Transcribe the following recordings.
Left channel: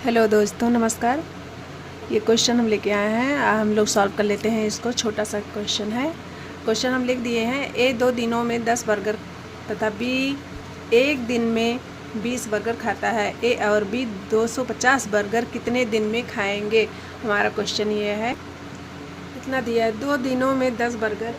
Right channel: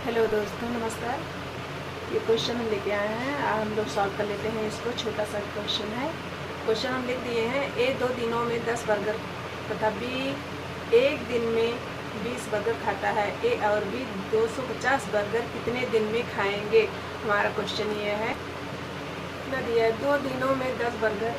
Hello दोस्तों, नमस्कार। ये क्वेश्चन हम लेके आए हैं, हम लोग सॉल्व कर लेते हैं इसको। छोटा सा क्वेश्चन है। क्वेश्चन हम लिख दिए हैं। ए 2 दिनों में 10 बर्गर तथा बी 1 दिन में 20 बर्गर खाता है। ए और बी 250 बर्गर कितने दिन में खाएंगे? हमारा क्वेश्चन ये है। कितना दिया है? 2 दिनों में 10 बर्गर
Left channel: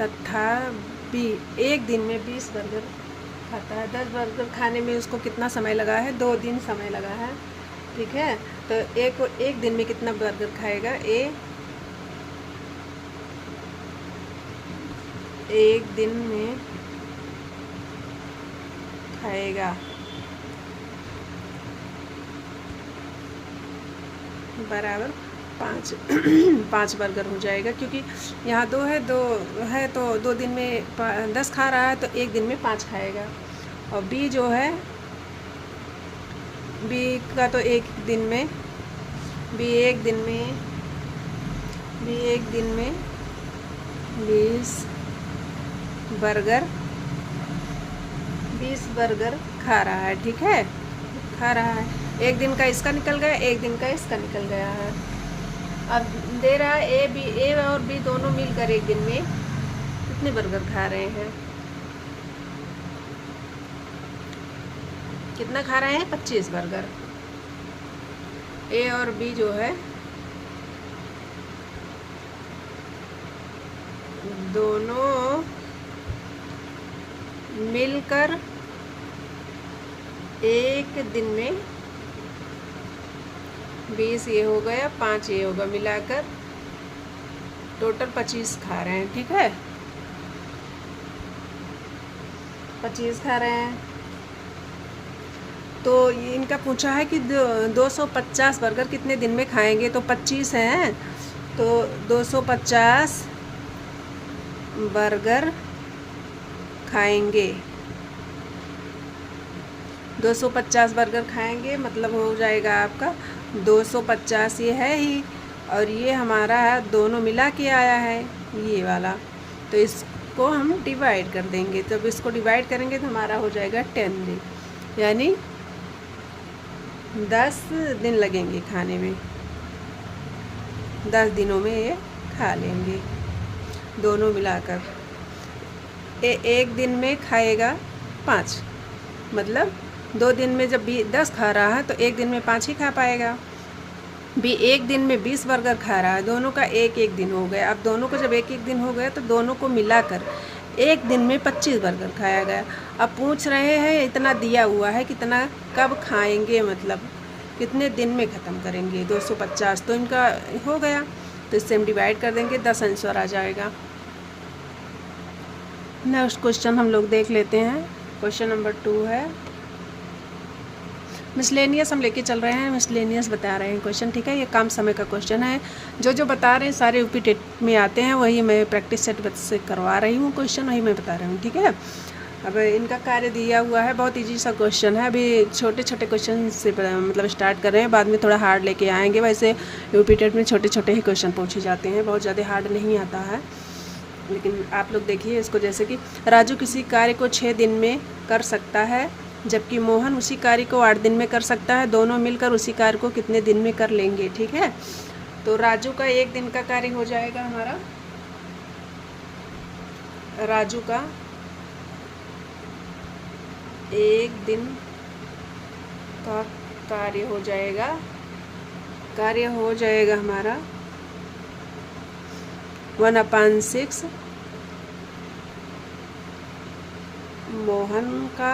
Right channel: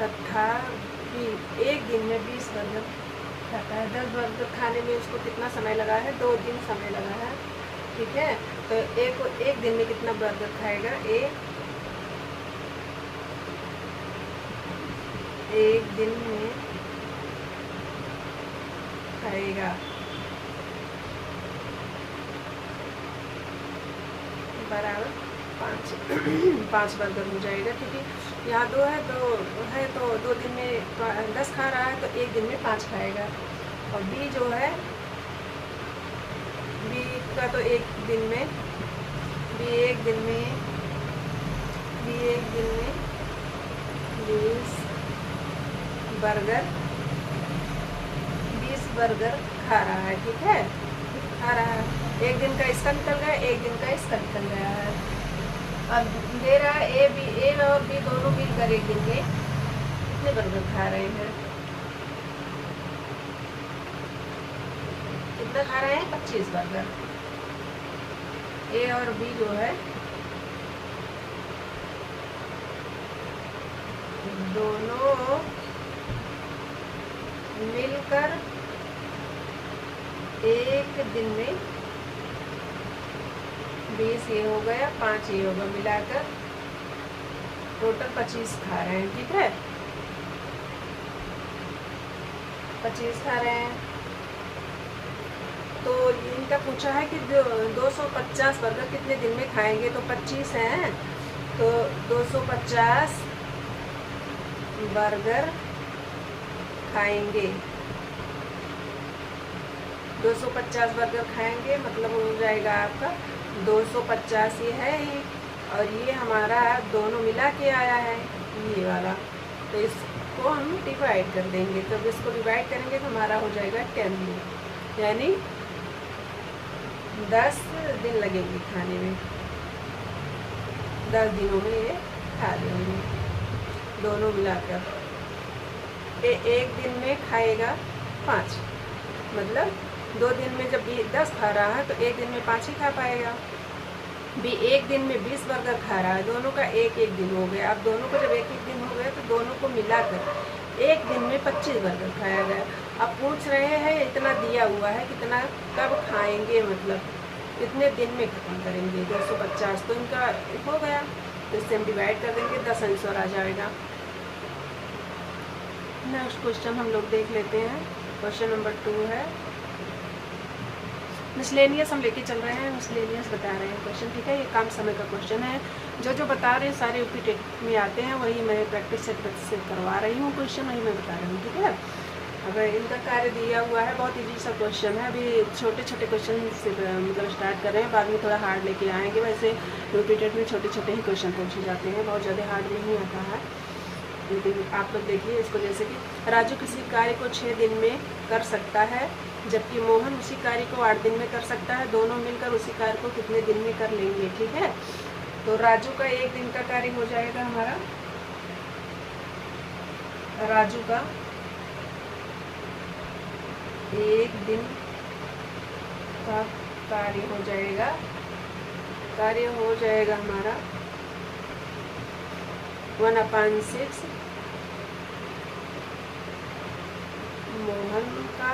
तथा बी 1 दिन में 20 बर्गर खाता है। 10 बर्गर खाने में उसको कितना समय लगा है? 2 दिन समय लगा है। ठीक है, तो ए को 1 दिन में कितना बर्गर खाएगा? ए 1 दिन में खाएगा बराबर 5 बर्गर हो जाएगा, क्योंकि यहाँ 2 है, 2 है तो 2 दिन में 10 खा रहा है, तो 1 दिन में 5 खाएगा। और बी जो है, बी का तो 1 दिन में, बी एक दिन में 20 बर्गर खा रहा है। ठीक है, खा रहा है। 1 दिन का इसका निकल गया, 1 दिन का इसका निकल गया है। अब दे रहा है ए और बी दोनों मिलकर 1 दिन में कितने बर्गर खा रहे हैं? कितना खा रहे हैं? 25 बर्गर। ए और बी जो है दोनों मिलकर 1 दिन में 20 ये हो गया, 5 ये होगा, मिलाकर टोटल 25 खा रहे हैं। ठीक है, 25 खा रहे हैं। तो इनका पूछा है कि 250 बर्गर कितने दिन में खाएंगे, तो 25 हैं, तो 250 बर्गर खाएंगे। 250 बर्गर खाएंगे मतलब हो जाएगा आपका 250। ये है ही, और ये हमारा दोनों मिला के आया है ये वाला, तो इसको हम डिवाइड कर देंगे। तो अब इसको डिवाइड करेंगे तो हमारा हो जाएगा 10 दिन, यानी 10 दिन लगेंगे खाने में। 10 दिनों में ये खा लेंगे दोनों मिलाकर। 1 दिन में खाएगा 5, मतलब 2 दिन में जब 10 खा रहा है तो 1 दिन में 5 ही खा पाएगा। बी 1 दिन में 20 बर्गर खा रहा है, दोनों का 1-1 दिन हो गया। अब दोनों को जब 1-1 दिन हो गया तो दोनों को मिलाकर 1 दिन में 25 बर्गर खाया गया। अब पूछ रहे हैं, इतना दिया हुआ है, कितना कब खाएंगे, मतलब कितने दिन में ख़त्म करेंगे 250। तो इनका हो गया, तो इससे हम डिवाइड कर देंगे, 10 आंसर आ जाएगा। नेक्स्ट क्वेश्चन हम लोग देख लेते हैं। क्वेश्चन नंबर 2 है। मिसलेनियस हम लेके चल रहे हैं, मिसलेनियस बता रहे हैं क्वेश्चन। ठीक है, ये कम समय का क्वेश्चन है। जो बता रहे हैं सारे यूपी टेट में आते हैं, वही मैं प्रैक्टिस सेट से करवा रही हूँ क्वेश्चन, वही मैं बता रही हूँ। ठीक है, अब इनका कार्य दिया हुआ है, बहुत ईजी सा क्वेश्चन है। अभी छोटे छोटे क्वेश्चन से मतलब स्टार्ट कर रहे हैं, बाद में थोड़ा हार्ड लेके आएंगे। वैसे यूपी टेट में छोटे छोटे ही क्वेश्चन पूछे जाते हैं, बहुत ज़्यादा हार्ड नहीं आता है। लेकिन आप लोग देखिए इसको, जैसे कि राजू किसी कार्य को 6 दिन में कर सकता है, जबकि मोहन उसी कार्य को 8 दिन में कर सकता है। दोनों मिलकर उसी कार्य को कितने दिन में कर लेंगे? ठीक है, तो राजू का 1 दिन का कार्य हो जाएगा हमारा, राजू का 1 दिन का कार्य हो जाएगा हमारा 1/6। मोहन का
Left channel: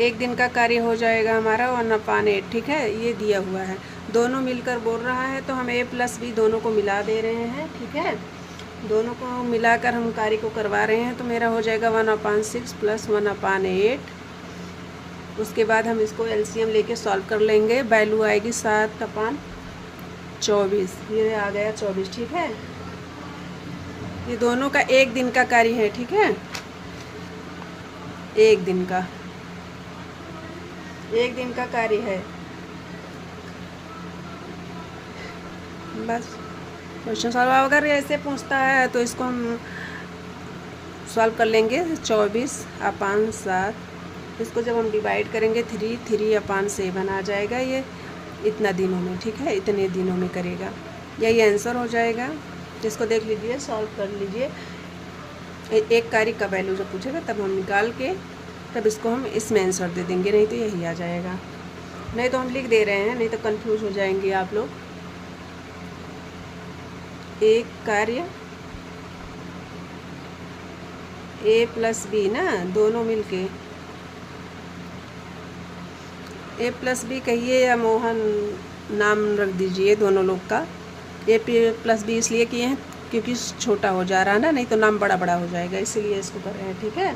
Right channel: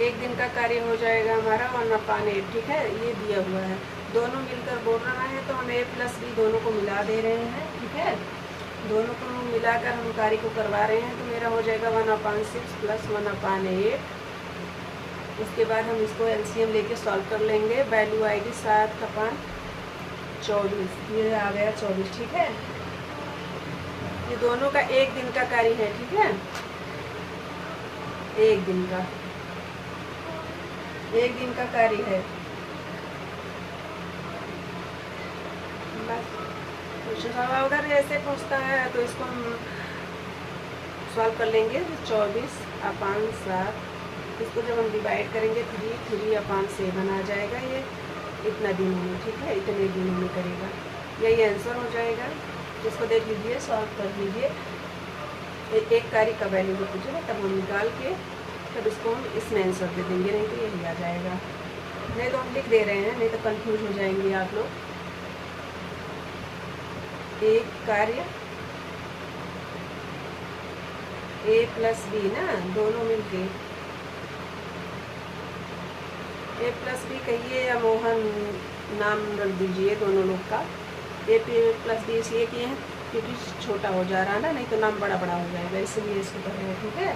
1 दिन का कार्य हो जाएगा हमारा 1/8। ठीक है, ये दिया हुआ है। दोनों मिलकर बोल रहा है, तो हम a + b दोनों को मिला दे रहे हैं। ठीक है, दोनों को मिलाकर हम कार्य को करवा रहे हैं, तो मेरा हो जाएगा 1/6 + 1/8। उसके बाद हम इसको एलसीएम लेके सॉल्व कर लेंगे। वैल्यू आएगी 7/24, ये आ गया 24। ठीक है, ये दोनों का 1 दिन का कार्य है। ठीक है, 1 दिन का कार्य है। बस क्वेश्चन सॉल्व। अगर ऐसे पूछता है तो इसको हम सॉल्व कर लेंगे। 24/7 इसको जब हम डिवाइड करेंगे 3/7 आ जाएगा, ये इतना दिनों में, ठीक है, इतने दिनों में करेगा, यही आंसर हो जाएगा। इसको देख लीजिए, सॉल्व कर लीजिए। एक कार्य का वैल्यू जो पूछे ना तब हम निकाल के तब इसको हम इसमें आंसर दे देंगे, नहीं तो यही आ जाएगा। नहीं तो हम लिख दे रहे हैं, नहीं तो कंफ्यूज हो जाएंगे आप लोग। एक कार्य a + b ना, दोनों मिलके a + b कहिए या मोहन नाम रख दीजिए दोनों लोग का। a + b इसलिए किए हैं क्योंकि छोटा हो जा रहा है ना, नहीं तो नाम बड़ा बड़ा हो जाएगा, इसीलिए इसको कर रहे हैं, ठीक है।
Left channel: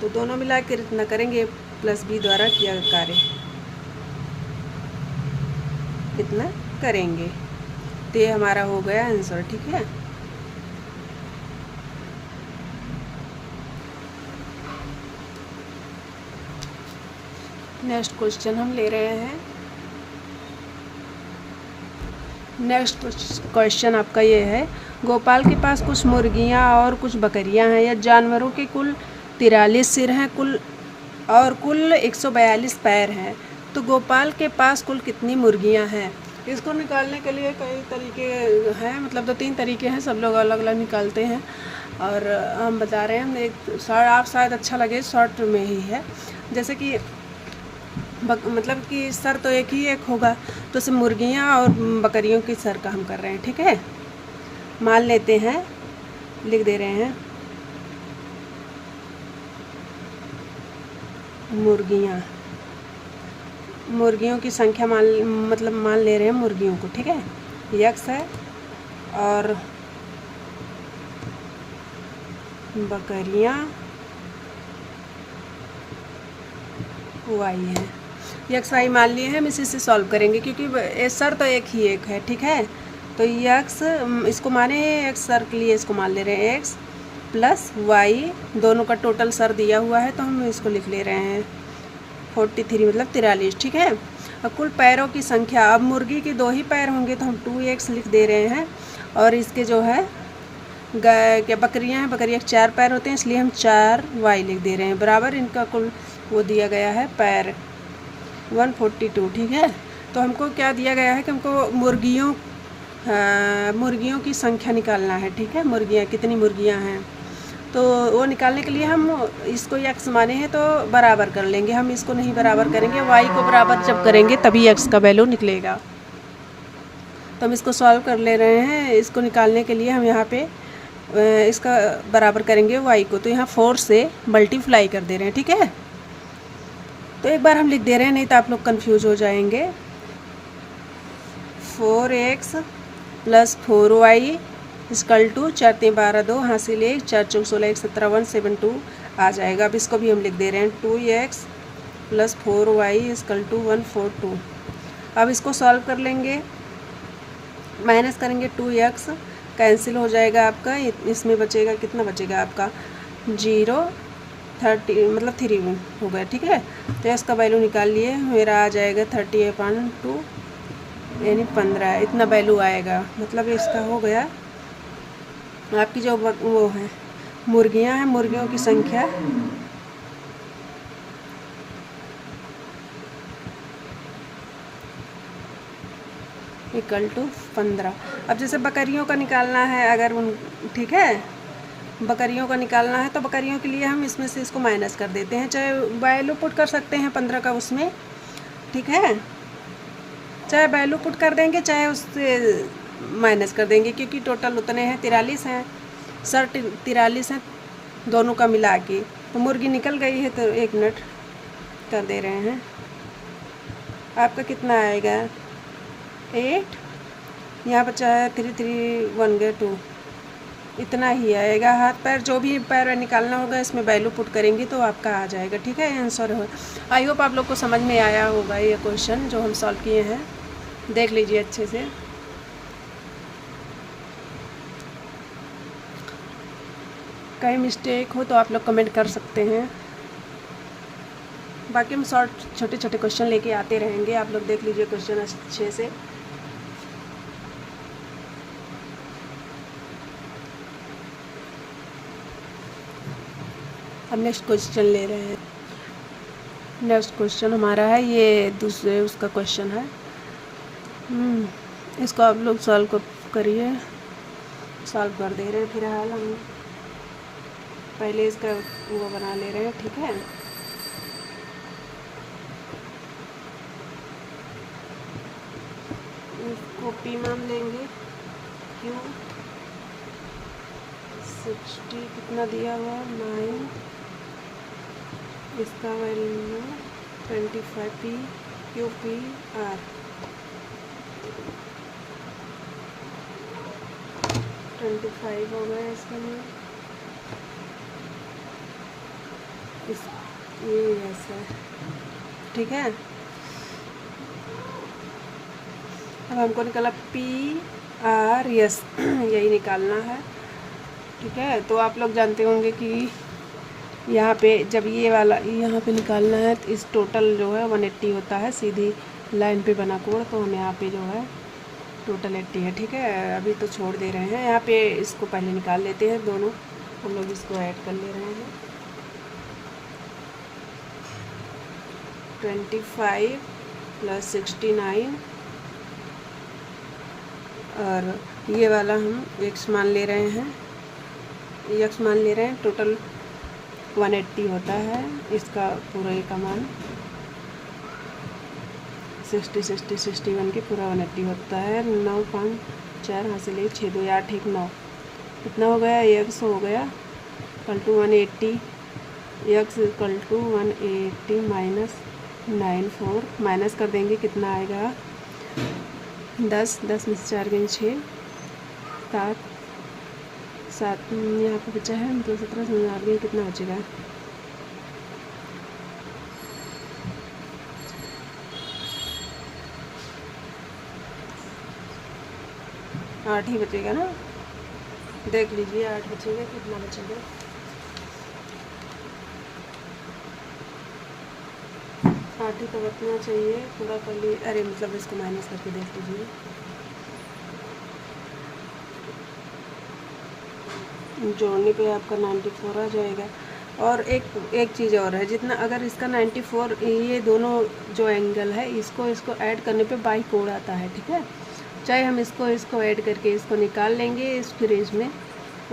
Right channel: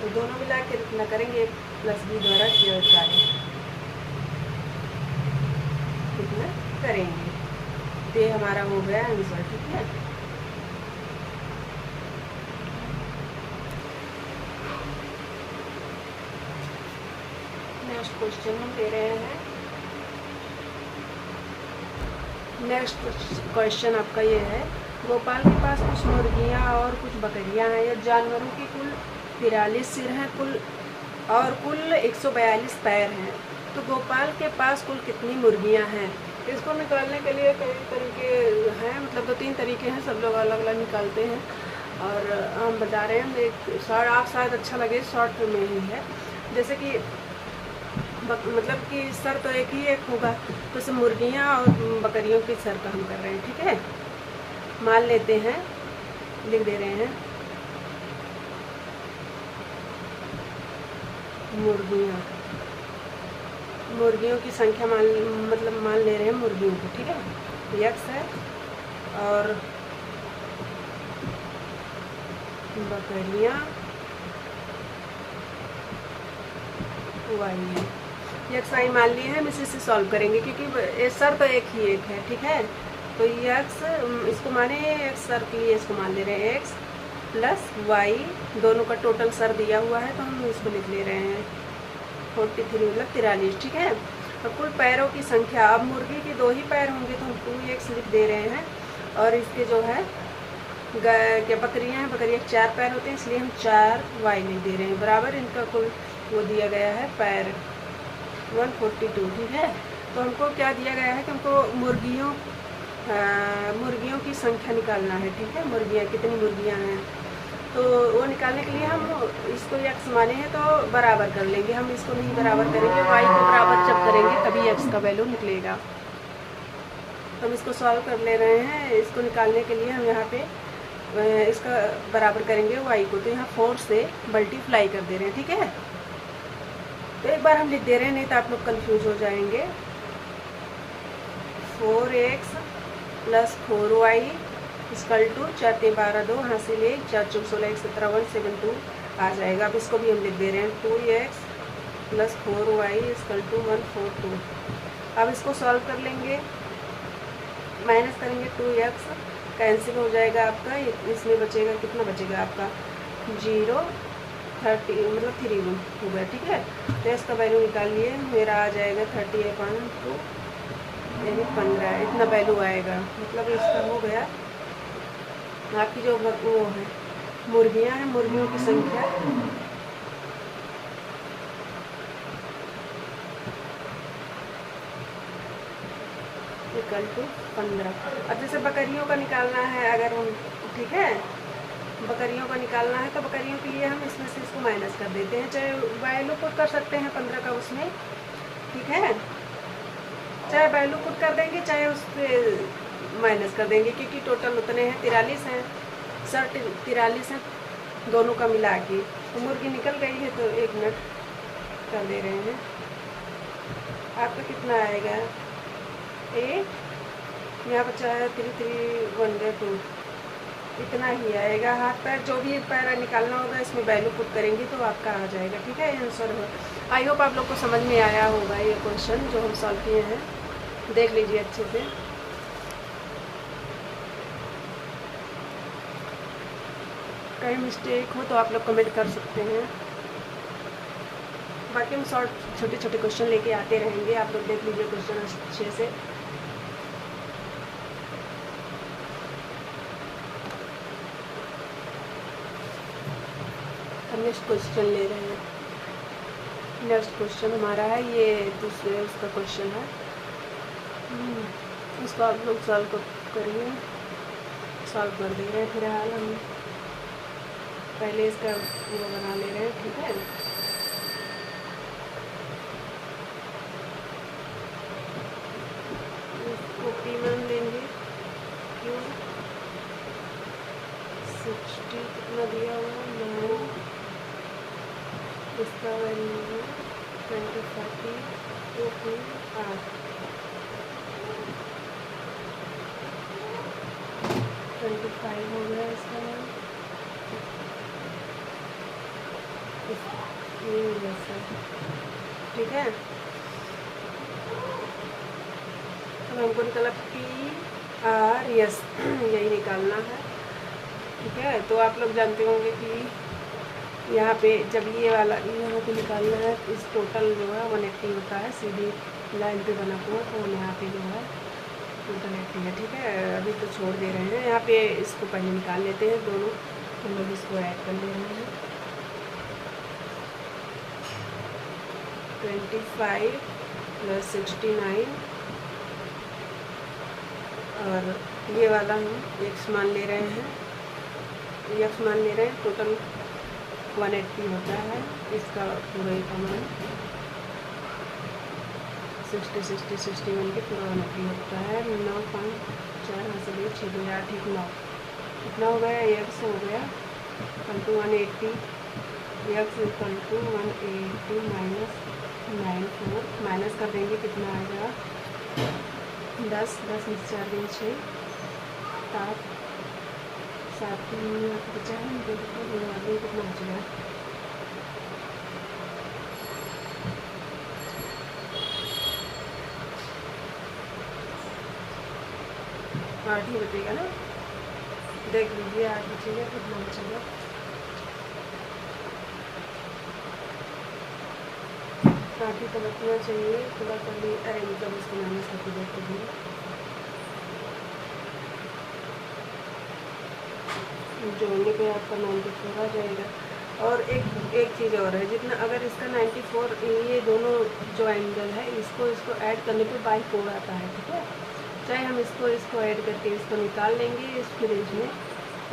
तो दोनों मिला कर इतना करेंगे, a + b द्वारा किया कार्य कितना करेंगे, तो ये हमारा हो गया आंसर, ठीक है। नेक्स्ट क्वेश्चन हम ले रहे हैं। नेक्स्ट क्वेश्चन आपका ये है, गोपाल के पास कुछ मुर्गियां और कुछ बकरियां हैं। यह जानवरों के कुल 43 सिर हैं और कुल 142 पैर हैं। तो गोपाल के पास कुल कितनी मुर्गियां हैं? इसको निकालने के लिए कई तरीके हैं, मतलब 2-3 तरीके हैं, सब लोग अलग अलग निकालते हैं। और हम बता रहे हैं, आप शायद अच्छा लगे, शॉर्ट में ही है। जैसे कि मतलब कि सर तो एक होगा, तो सिर्फ मुर्गियाँ और बकरियों के सर का हम कर रहे हैं, ठीक है। मान लेते हैं, लिख दे रहे हैं मुर्गियों की संख्या मान ले रहे हैं मुर्गियों को, ठीक है। x है और बकरियाँ y है। x y मान लिए हैं, हम इसी से सॉल्व करेंगे क्योंकि सर तो एक है, ठीक है। तो x इसको माने x सर के लिए इसको मान ले रहे हैं, x + y दोनों का टोटल सर दिया हुआ है, तो हम इसको लिख ले रहे हैं 43 मतलब 43, ठीक है। अब कुल पैरों की संख्या, अब मुर्गी के 2 ही पैर होंगे तो हम 2x लिख दे रहे हैं, और इसके जो है क्या बकरियां हैं, बकरियां 4 पैर होते हैं, इसलिए हम 4y लिख दे रहे हैं, बराबर इनका कुल वो दिया गया है पैर 142, ठीक है। तो हमको क्या दिया गया है कि हमको मुर्गियों की संख्या निकालना है, ठीक है। मुर्गियाँ कितनी मुर्गियाँ हैं, तो वो निकालने के लिए हम इसको x माने हैं तो बराबर कर लेंगे। हम इसको नहीं बराबर करेंगे, y को बराबर जब करेंगे तभी x का वैल्यू निकलेगा। तो हम इसको सॉल्व कर ले रहे हैं। इसको निकालने के लिए हम यहाँ पे इसका बराबर करेंगे y को, तो यहाँ 4 से मल्टीप्लाई कर दे रहे हैं, ठीक है। तो एक बार हम लिख दे रहे हैं, नहीं तो आप लोग कंफ्यूज हो जाएंगे। 4x + 4y = 4 3 12 2 हासिल 1 4 4 16 1 17 172 आ जाएगा। अब इसको भी हम लिख दे रहे हैं 2x + 4y = 142। अब इसको सॉल्व कर लेंगे, माइनस करेंगे 2x कैंसिल हो जाएगा आपका, इसमें बचेगा, कितना बचेगा आपका 0 30 मतलब 3 हो गया, ठीक है। तो इसका वैल्यू निकाल लिए, मेरा आ जाएगा 30/2 यानी 15, इतना वैल्यू आएगा। मतलब इसका हो गया आपकी जो वो है मुर्गियाँ हैं, मुर्गियों की संख्या = 15। अब जैसे बकरियों का निकालना है अगर, ठीक है, बकरियों का निकालना है तो बकरियों के लिए हम इसमें से इसको माइनस कर देते हैं, चाहे वैल्यू पुट कर सकते हैं 15 का उसमें, ठीक है। चाहे वैल्यू पुट कर देंगे चाहे उससे माइनस कर देंगे, क्योंकि टोटल उतने हैं 43 हैं, सर 43 हैं दोनों का मिला के। तो मुर्गी निकल गई है, तो 1 मिनट कर दे रहे हैं। आपका कितना आएगा 8, यहाँ बचा है 3 3 1 गया 2, इतना ही आएगा। हाथ पैर जो भी पैर निकालना होगा इसमें वैल्यू पुट करेंगी तो आपका आ जाएगा, ठीक है, आंसर हो। आई होप आप लोग को समझ में आया होगा ये क्वेश्चन जो हम सॉल्व किए हैं, देख लीजिए अच्छे से। कहीं मिस्टेक हो तो आप लोग कमेंट कर सकते हैं, बाकी हम छोटे छोटे क्वेश्चन लेके आते रहेंगे, आप लोग देख लीजिए क्वेश्चन अच्छे से। हम नेक्स्ट क्वेश्चन ले रहे हैं। नेक्स्ट क्वेश्चन हमारा है, ये दूसरे उसका क्वेश्चन है। इसको आप लोग सॉल्व करिए, सॉल्व कर दे रहे हैं। फिलहाल हम पहले इसका वो बना ले रहे हैं, ठीक है। इसको पी मान लेंगे, क्यों 60 कितना दिया हुआ 9, इसका value 25 P Q P R 25 हो गया इसमें। ये ऐसा है, ठीक है। अब हमको निकाला पी आर एस, यही निकालना है, ठीक है। तो आप लोग जानते होंगे कि यहाँ पे जब ये वाला यहाँ पे निकालना है तो इस टोटल जो है 180 होता है, सीधी लाइन पे बना हुआ। तो हम यहाँ पे जो है टोटल 80 है, ठीक है। अभी तो छोड़ दे रहे हैं, यहाँ पे इसको पहले निकाल लेते हैं दोनों। हम लोग इसको ऐड कर ले रहे हैं। 25 + 69 और ये वाला हम x मान ले रहे हैं, x मान ले रहे हैं। टोटल 180 होता है, इसका पूरा ये का मान 60 60 61 के पूरा 180 होता है। 9 5 4 वहाँ से ले 6 2 8 1 9 कितना हो गया, x हो गया = 180, x = 180 - 94 माइनस कर देंगे, कितना आएगा 10 10 में से 4 गई 6 7 7 यहाँ पर बचा है 2 17 में आ गई, कितना बचेगा 8 ही बचेगा ना। देख लीजिए 8 बचेगा, कितना बचेगा 8 ही तो बचना चाहिए। पूरा कर लिए, अरे मतलब इसको माइनस करके देख लीजिए। जोड़ने पे आपका 94 आ जाएगा। और एक चीज़ और है, जितना अगर इसका 94 ये दोनों जो एंगल है इसको ऐड करने पे बाई कोण आता है, ठीक है। चाहे हम इसको ऐड करके इसको निकाल लेंगे, इस रेंज में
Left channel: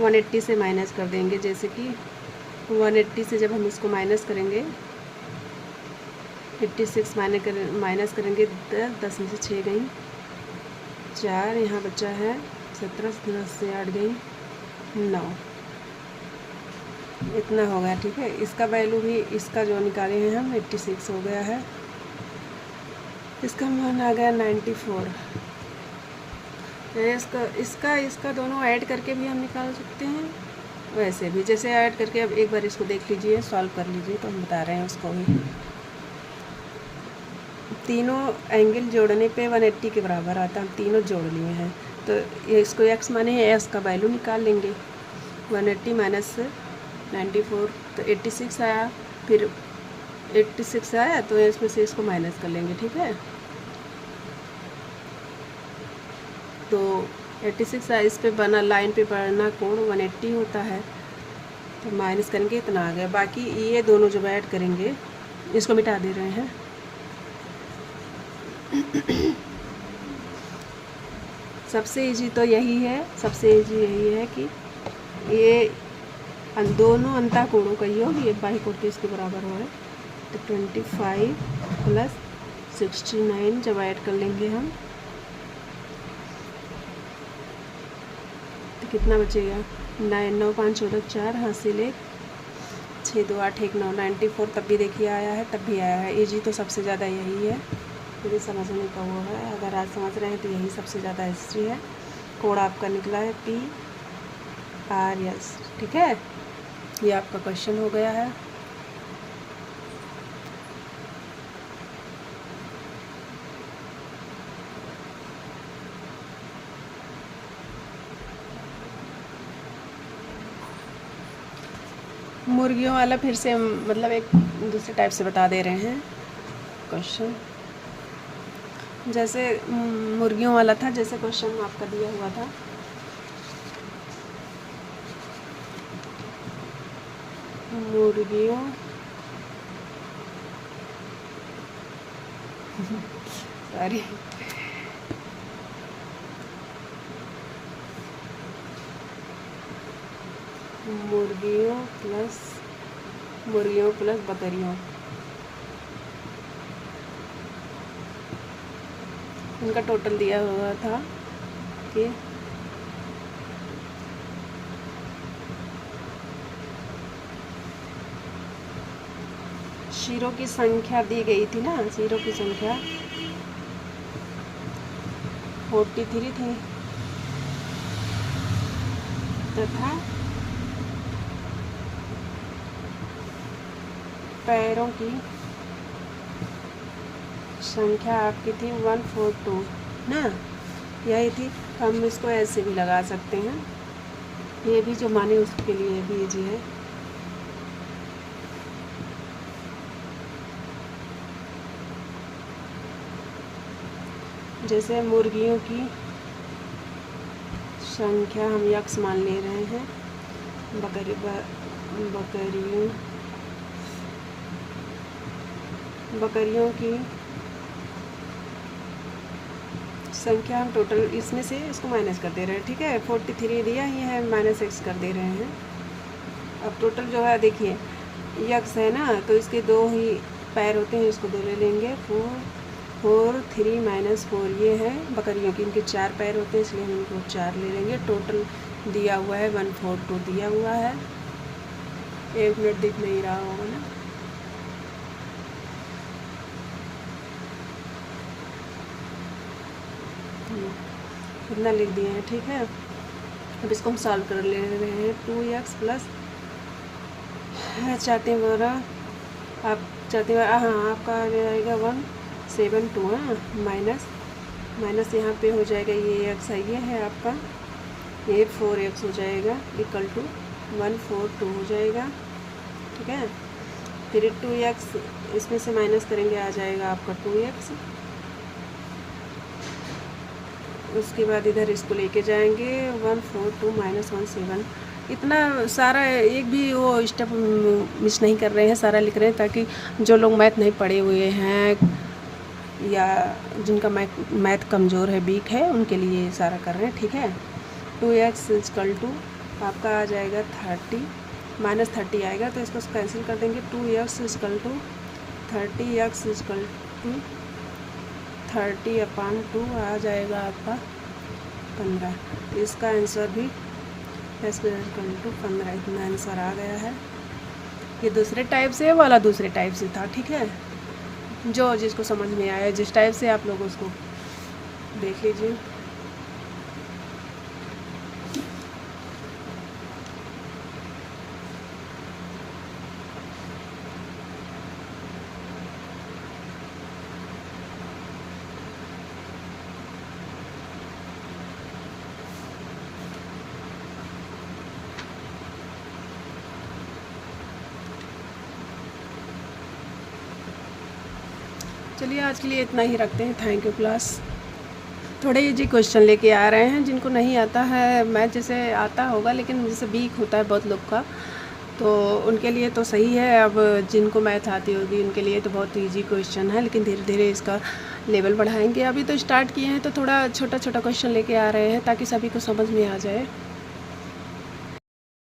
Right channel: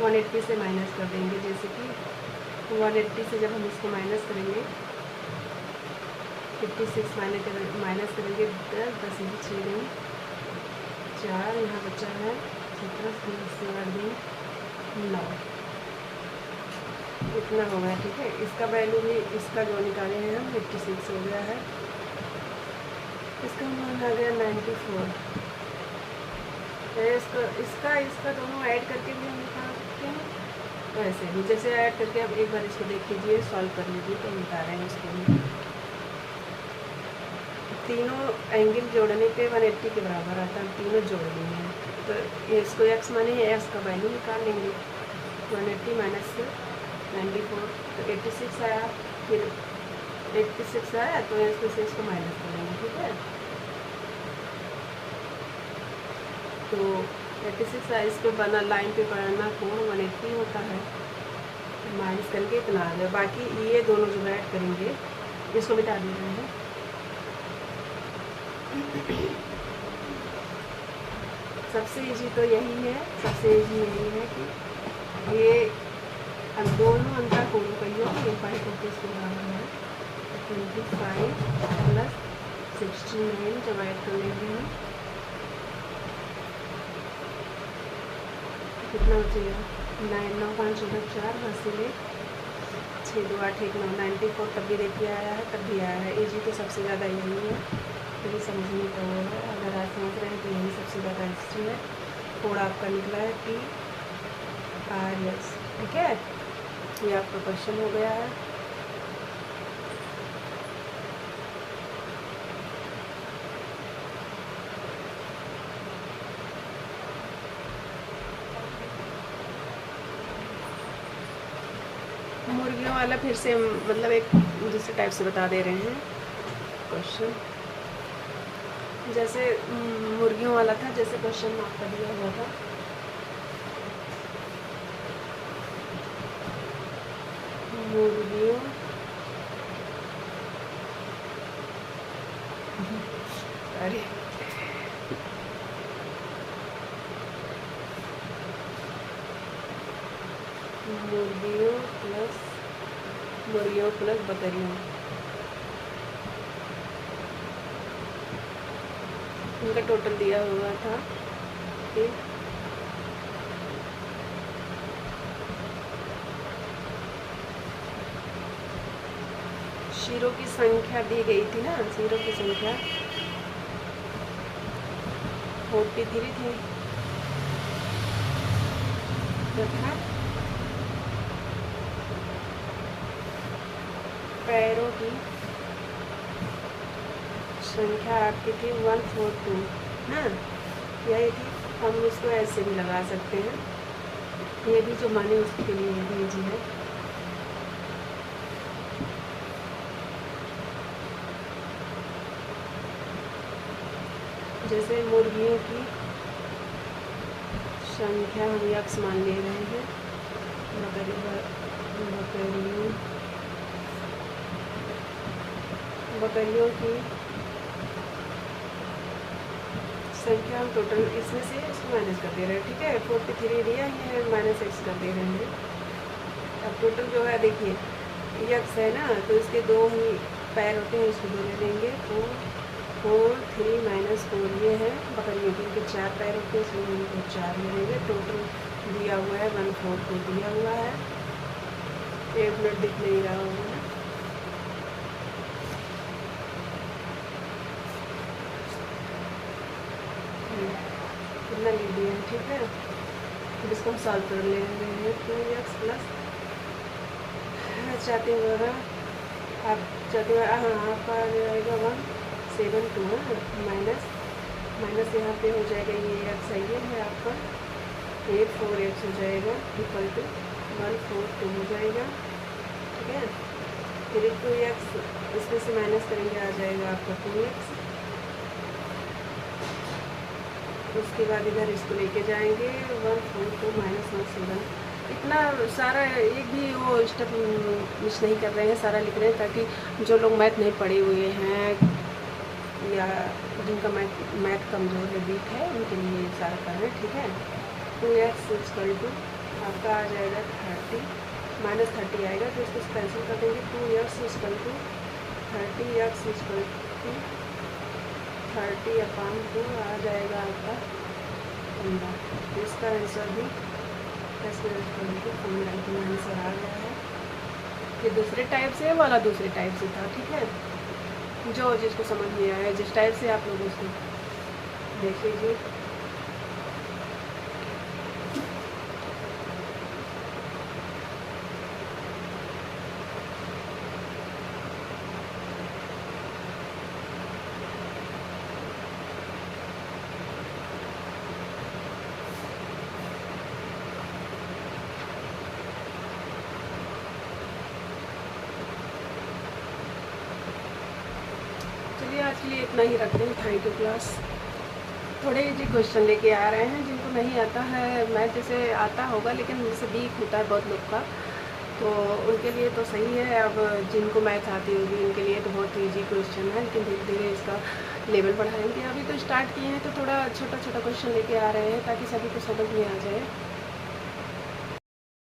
180 से माइनस कर देंगे। जैसे कि 180 से जब हम इसको माइनस करेंगे 56 माइनस करेंगे 10 में से 6 गई 4, यहाँ बचा है 17 10 से 8 गई 9, इतना हो गया, ठीक है। इसका वैल्यू भी इसका जो निकाले हैं हम 86 हो गया है, इसका मान आ गया 94। इसका दोनों ऐड करके भी हम निकाल सकते हैं, वैसे भी जैसे ऐड करके। अब एक बार इसको देख लीजिए, सॉल्व कर लीजिए, तो हम बता रहे हैं उसको भी। तीनों एंगल जोड़ने पे 180 के बराबर आता है, तीनों जोड़ लिए हैं। तो इसको x माने x का वैल्यू निकाल लेंगे। 180 माइनस 94 तो 86 आया, फिर 86 आया तो इसमें से इसको माइनस कर लेंगे, ठीक है। तो 86 आया, इस पे बना लाइन पे बना कोण 180 होता है, तो माइनस करेंगे इतना आ गया। बाकी ये दोनों जब ऐड करेंगे, इसको मिटा दे रहे हैं। सबसे इजी तो यही है, सबसे इजी यही है कि ये दोनों अंता कोणों का योग ये बाई कोण इसके बराबर हुआ है। तो 25 + 69 जब ऐड कर लेंगे हम तो कितना बचेगा 9 9 5 14 4 हासिल 6 2 8 1 9 94 तब भी देखिए आया है, तब भी आया है। इजी तो सबसे ज़्यादा यही है, यही समझने का वो है। अगर आज समझ रहे हैं तो यही सबसे ज़्यादा हिस्ट्री है। कोड आपका निकला है PRS, ठीक है। ये आपका क्वेश्चन हो गया है। मुर्गियों वाला फिर से मतलब एक दूसरे टाइप से बता दे रहे हैं क्वेश्चन। जैसे मुर्गियों वाला था, जैसे क्वेश्चन आपका दिया हुआ था, मुर्गियों सॉरी। मुर्गियों प्लस बकरियों, इनका टोटल दिया हुआ था कि शीरों की संख्या दी गई थी ना, शीरों की संख्या 43 थी तथा पैरों की संख्या आपकी थी 142 ना, यही थी। हम इसको ऐसे भी लगा सकते हैं, ये भी जो माने उसके लिए भी इजी है। जैसे मुर्गियों की संख्या हम यक्स मान ले रहे हैं, बकरियों की संख्या हम टोटल इसमें से इसको माइनस कर दे रहे हैं, ठीक है। 43 दिया ही है, माइनस x कर दे रहे हैं। अब टोटल जो है देखिए यक्स है ना, तो इसके 2 ही पैर होते हैं, इसको 2 ले लेंगे। 4 3 - 4 ये है बकरियों की, इनके 4 पैर होते हैं इसलिए हम इनको 4 ले लेंगे। टोटल दिया हुआ है 142 दिया हुआ है। 1 मिनट दिख नहीं रहा होगा ना, इतना लिख दिया है, ठीक है। अब इसको हम सॉल्व कर ले रहे हैं। 2x प्लस चाहते हैं आप चाहते हैं हाँ आपका आ जाएगा 172 है, माइनस यहाँ पे हो जाएगा ये x है, ये है आपका, ये 4x हो जाएगा इक्वल टू 142 हो जाएगा, ठीक है। फिर 2x इसमें से माइनस करेंगे, आ जाएगा आपका 2x। उसके बाद इधर इसको लेके जाएंगे 142 - 17। इतना सारा एक भी वो स्टेप मिस नहीं कर रहे हैं, सारा लिख रहे हैं ताकि जो लोग मैथ नहीं पढ़े हुए हैं या जिनका मैथ कमज़ोर है, वीक है, उनके लिए सारा कर रहे हैं, ठीक है। 2x = आपका आ जाएगा 30 -30 आएगा, तो इसको कैंसिल कर देंगे। 2x = 30x = 30/2 आ जाएगा आपका 15। इसका आंसर भी x = 15 इतना आंसर आ गया है। ये दूसरे टाइप से, वाला दूसरे टाइप से था, ठीक है। जो जिसको समझ में आया जिस टाइप से आप लोग उसको देख लीजिए। चलिए आज के लिए इतना ही रखते हैं। Thank you class. थोड़े इजी क्वेश्चन लेके आ रहे हैं, जिनको नहीं आता है मैथ, जैसे आता होगा लेकिन जैसे वीक होता है बहुत लोग का, तो उनके लिए तो सही है। अब जिनको मैथ आती होगी उनके लिए तो बहुत इजी क्वेश्चन है, लेकिन धीरे धीरे इसका लेवल बढ़ाएंगे। अभी तो स्टार्ट किए हैं तो थोड़ा छोटा छोटा क्वेश्चन लेके आ रहे हैं ताकि सभी को समझ में आ जाए।